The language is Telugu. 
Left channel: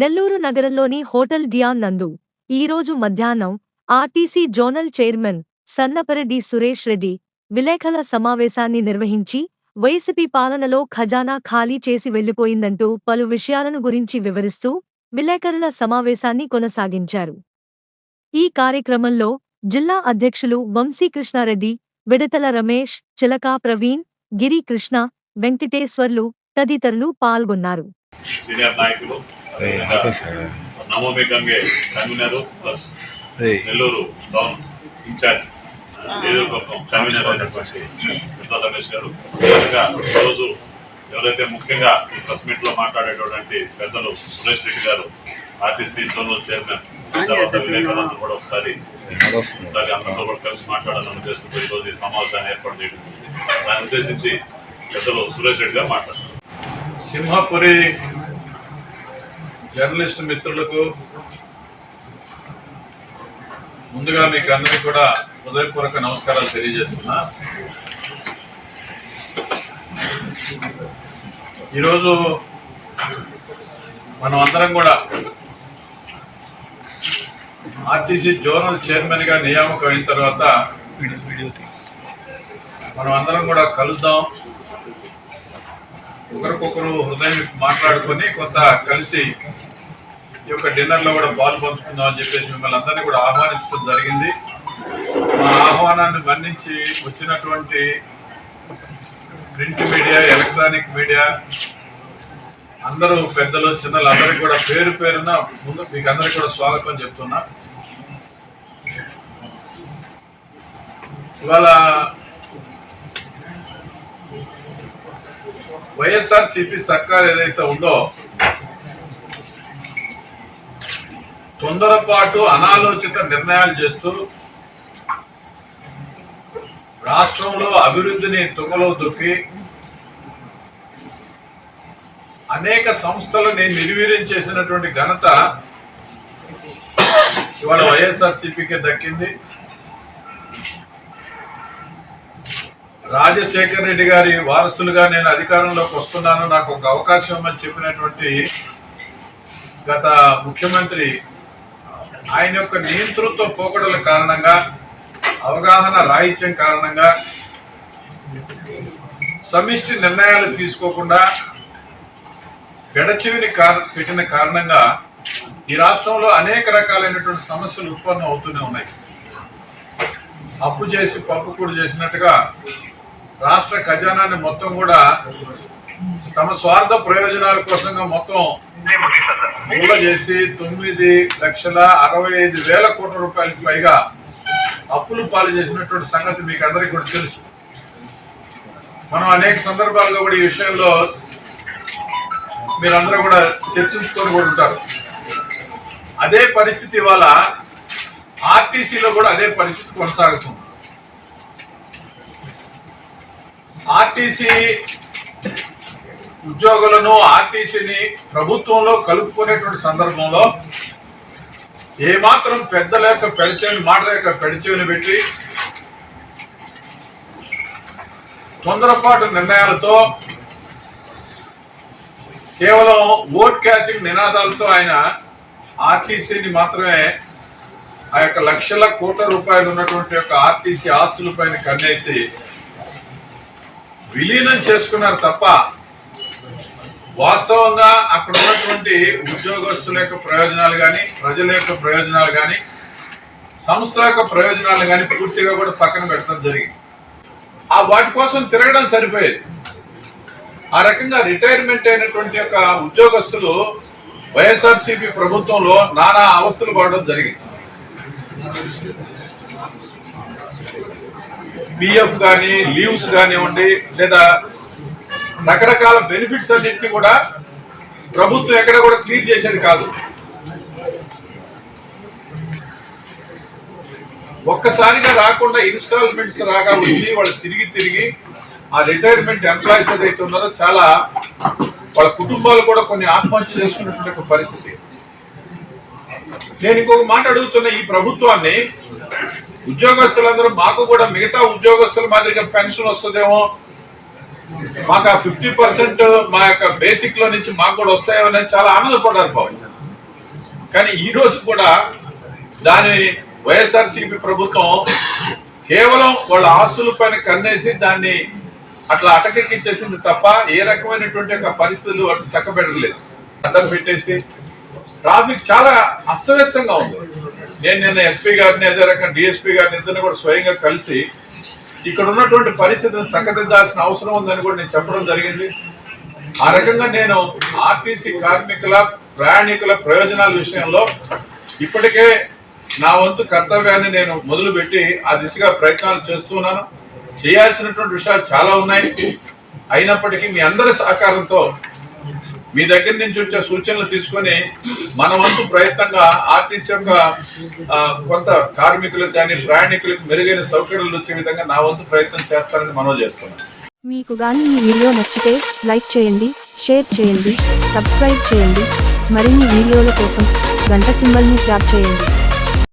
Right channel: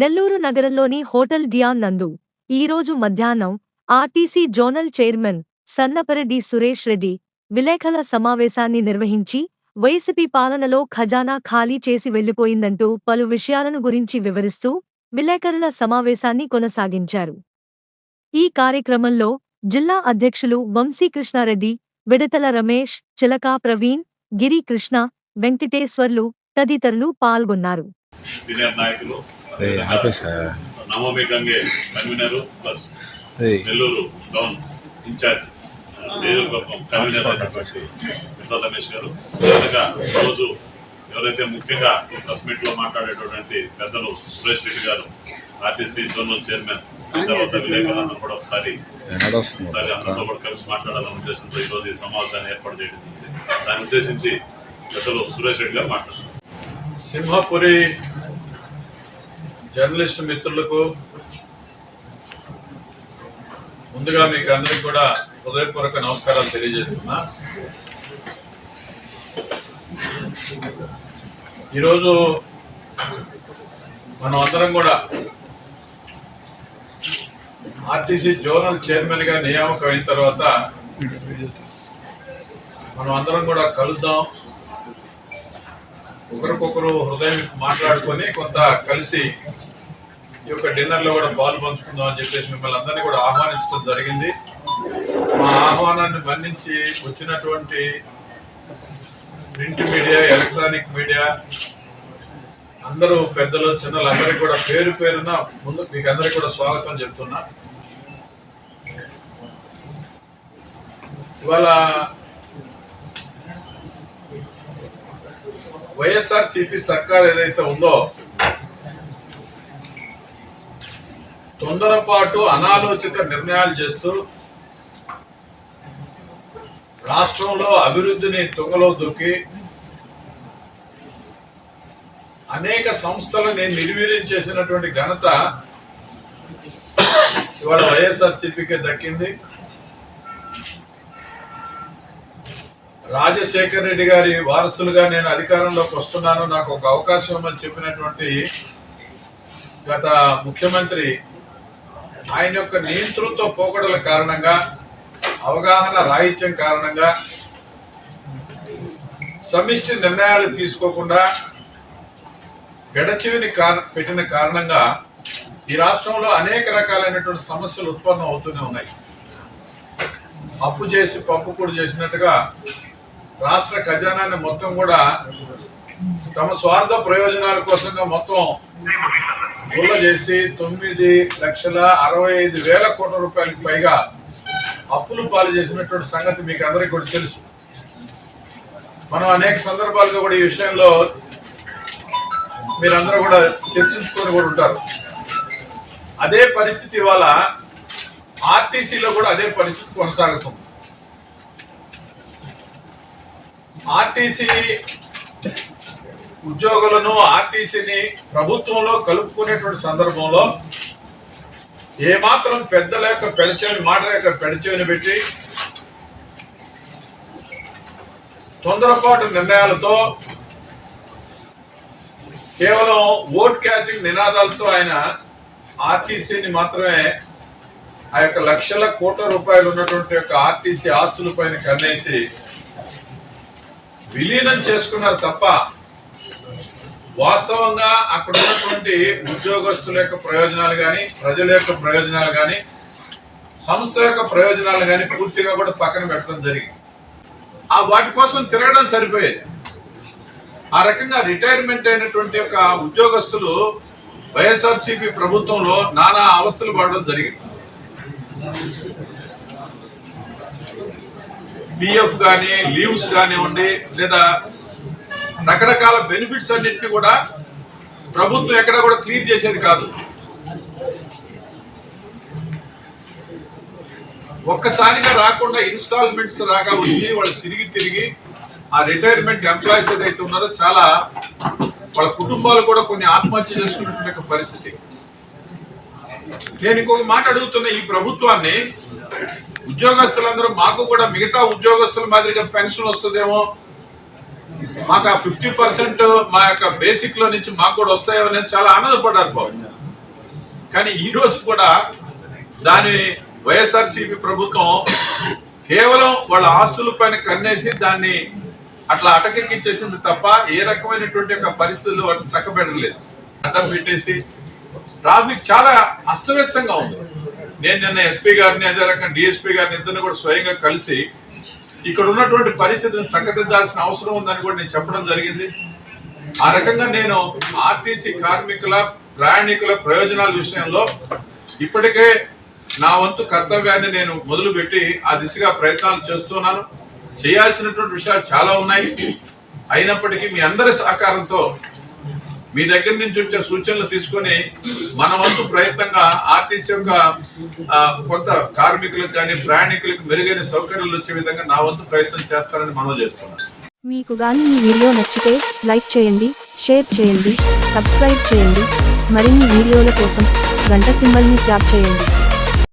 నెల్లూరు నగరంలోని హోటల్ డియాన్ నందు ఈరోజు మధ్యాహ్నం RTC zonal chairman Sannapareddy Suresh Reddy విలేకరుల సమావేశాన్ని నిర్వహించి వైసీపీ పాలనలో ఖజానా ఖాళీ చేసి వెళ్లిపోయిందంటూ పలు విషయాలను గురించి వివరిస్తూ విలేకరుల సమావేశాన్ని కొనసాగించారు. ఈ కార్యక్రమంలో జిల్లా అధ్యక్షులు వంశీకృష్ణారెడ్డి, విడతల రమేష్, చిలకా ప్రవీణ్, గిరి కృష్ణ, వెంకటేశ్వర్లు తదితరులు పాల్గొన్నారు. సీనియర్ నాయకులు Navami Gange convener plus Nellore town incharge నియోజకవర్గం కన్వీనర్ అయినటువంటి విడతల రమేష్ గారు, రోజు ఎవరైతే ముఖ్యంగా ప్రెస్ మీట్ లో మాట్లాడేటటువంటి పెద్దలు సురేష్ రెడ్డి గారు, ఆర్టీసీ జోనల్ చైర్మన్, తర్వాత విలేకరులందరూ కూడా ఒకసారి అందరితో కూడా కలిసి మాట్లాడాలని ఉద్దేశంతో ఈరోజు ఈ సమావేశాన్ని ఏర్పాటు చేయడం జరిగింది. దాన్ని ఉద్దేశించి పెద్దలు సురేష్ రెడ్డి గారు మాట్లాడారు. సింహపురి జర్నలిస్టు మిత్రులకు ముందుగా మీకు అందరికీ కూడా హృదయపూర్వక నమస్కారాలు తెలియజేస్తున్నా. ఈరోజు మనం అందరం కూడా ఆర్టీసీ జోనల్ చైర్మన్ గా నియామకం అయిన తర్వాత మనం అందరం కూడా కలుద్దాం, ఒకరికొకరు హృదయం మాట్లాడుకొని కొంత కలిసి ఈ యొక్క డిన్నర్లో కూడా పాలు పంచుకుందాం అని చెప్పేసి మిమ్మల్ని అందరినీ కూడా ఆహ్వానించడం జరిగింది. మా ఆహ్వానాన్ని మన్నించి వచ్చినటువంటి ప్రింట్ మీడియా, ఎలక్ట్రానిక్ మీడియా అందరూ పెద్దలు చిన్నలు అందరికీ కూడా పేరు పేరున ముందు మీకు అందరికీ కూడా స్వాగతం చెప్తున్నా. ఇవాళ వైఎస్ఆర్సీపీ సర్కార్ ఏదైతే ఉందో తొందరపాటు అనాలోచిత నిర్ణయాలు చేస్తూ రాష్ట్రంలో అభివృద్ధిని తుంగలో దొక్కి అనేక సంస్థలని నిర్వీర్యం చేసినటువంటి ఘనత ఇవాళ వైఎస్ఆర్సీపీకి దక్కింది. రాజశేఖర్ రెడ్డి గారి వారసులుగా నేను అధికారంలోకి వస్తున్నాను, నాకు ఒక అవకాశం అని చెప్పినటువంటి గత ముఖ్యమంత్రి ఆయన యొక్క నియంతృత్వ పోకడల కారణంగా, అవగాహన రాహిత్యం కారణంగా, సమిష్టి నిర్ణయాలు తీసుకోకుండా గడచివిని పెట్టిన కారణంగా ఈ రాష్ట్రంలో అనేక రకాలైనటువంటి సమస్యలు ఉత్పన్నం అవుతూనే ఉన్నాయి. అప్పు చేసి పప్పు కూడా చేసినట్టుగా రాష్ట్ర ఖజానాన్ని మొత్తం కూడా తమ స్వార్థ ప్రయోజనాల కోసంగా మొత్తం గుల్ల చేసి 9,65,000 కోట్ల రూపాయలకు పైగా అప్పులు పాలు చేసినటువంటి సంగతి మీకు అందరికీ కూడా తెలుసు. మనం అనేక సందర్భాలుగా కూడా ఈ విషయంలో మీరందరూ కూడా చర్చించుకొని కూడా ఉంటారు. అదే పరిస్థితి ఇవాళ ఆర్టీసీలో కూడా అదే పరిస్థితి కొనసాగుతుంది. ఆర్టీసీ ఉద్యోగులను ఆర్టీసీని ప్రభుత్వంలో కలుపుకునేటువంటి సందర్భంలో ఏమాత్రం పెద్దల యొక్క పెడచెవిని మాట యొక్క పెడచెవిని పెట్టి తొందరపాటు నిర్ణయాలతో కేవలం ఓట్ క్యాచింగ్ నినాదాలతో ఆయన ఆర్టీసీని మాత్రమే ఆ యొక్క లక్షల కోట్ల రూపాయలు ఉన్నటువంటి యొక్క ఆర్టీసీ ఆస్తుల పైన కన్నేసి విలీనం చేసుకున్నారు తప్ప వాస్తవంగా అక్కడ ఉన్నటువంటి ఉద్యోగస్తుల యొక్క ప్రయోజనాలు కానీ, ప్రజల యొక్క ప్రయోజనాలు కానీ, సంస్థ యొక్క ప్రయోజనాలు కానీ పూర్తిగా కూడా పక్కన పెట్టడం జరిగింది. ఆ వాటి కోసం తిరగడం సరిపోయేది. ఆ రకంగా రిటైర్మెంట్ అయినటువంటి యొక్క ఉద్యోగస్తులు వైఎస్ఆర్సీపీ ప్రభుత్వంలో నానా అవస్థలు పడడం జరిగింది. పిఎఫ్ కానీ, లీవ్స్ కానివ్వండి, లేదా రకరకాల బెనిఫిట్స్ అన్నింటినీ కూడా ప్రభుత్వం ఎక్కడ కూడా క్లియర్ చేసేది కాదు. ఒక్కసారిగా రాకుండా ఇన్స్టాల్మెంట్స్ రాగా వచ్చి వాళ్ళు తిరిగి ఆ రిటైర్మెంట్ ఎంప్లాయీస్ ఏదైతే ఉన్నారో చాలా వాళ్ళ కుటుంబాలు కూడా కొన్ని ఆత్మహత్య చేసుకున్నటువంటి పరిస్థితి. నేను ఇంకొక మాట అడుగుతున్న ఈ ప్రభుత్వాన్ని, ఉద్యోగస్తులందరూ మాకు కూడా మిగతా ఉద్యోగస్తుల మాదిరిగా పెన్షన్ వస్తుందేమో, మాకు ఆ 50% మా యొక్క బేసిక్ లో నుంచి మాకు కూడా వస్తాయో అని చాలా ఆనందపడ్డారు బాబు. కానీ ఈ రోజు కూడా దాని వైఎస్ఆర్సీపీ ప్రభుత్వం కేవలం వాళ్ళ ఆస్తుల పైన కన్నేసి దాన్ని అట్లా అటకెక్కించేసింది తప్ప ఏ రకమైనటువంటి ఒక పరిస్థితులు వాటిని చక్కబెట్టలేదు. అడ్డం పెట్టేసి ట్రాఫిక్ చాలా అస్తవ్యస్తంగా ఉంది. నేను నిన్న ఎస్పీ గారిని అదే రకంగా డిఎస్పీ గారిని ఇద్దరిని కూడా స్వయంగా కలిసి ఇక్కడ ఉన్నటువంటి పరిస్థితిని చక్కదిద్దాల్సిన అవసరం ఉందని కూడా నేను చెప్పడం జరిగింది. ఆ రకంగా నేను ఆర్టీసీ కార్మికుల ప్రయాణికుల ప్రయోజనాల విషయంలో ఇప్పటికే నా వంతు కర్తవ్యాన్ని నేను మొదలుపెట్టి ఆ దిశగా ప్రయత్నాలు చేస్తున్నాను. చేయాల్సినటువంటి విషయాలు చాలా ఉన్నాయి. అయినప్పటికీ మీ అందరి సహకారంతో మీ దగ్గర నుంచి వచ్చే సూచనలు తీసుకొని మన వంతు ప్రయత్నంగా ఆర్టీసీ యొక్క కొంత కార్మికులకు కానీ ప్రయాణికులకు మెరుగైన సౌకర్యాలు వచ్చే విధంగా నా వంతు ప్రయత్నం చేస్తానని మనవి చేస్తున్నాను. మీకు గాని ఈ వీడియో నచ్చితే లైక్ చేయండి, షేర్ చేయండి, సబ్స్క్రైబ్ చేయండి. మరిన్ని వీడియోల కోసం గంట సింబల్ని ట్యాప్ చేయండి.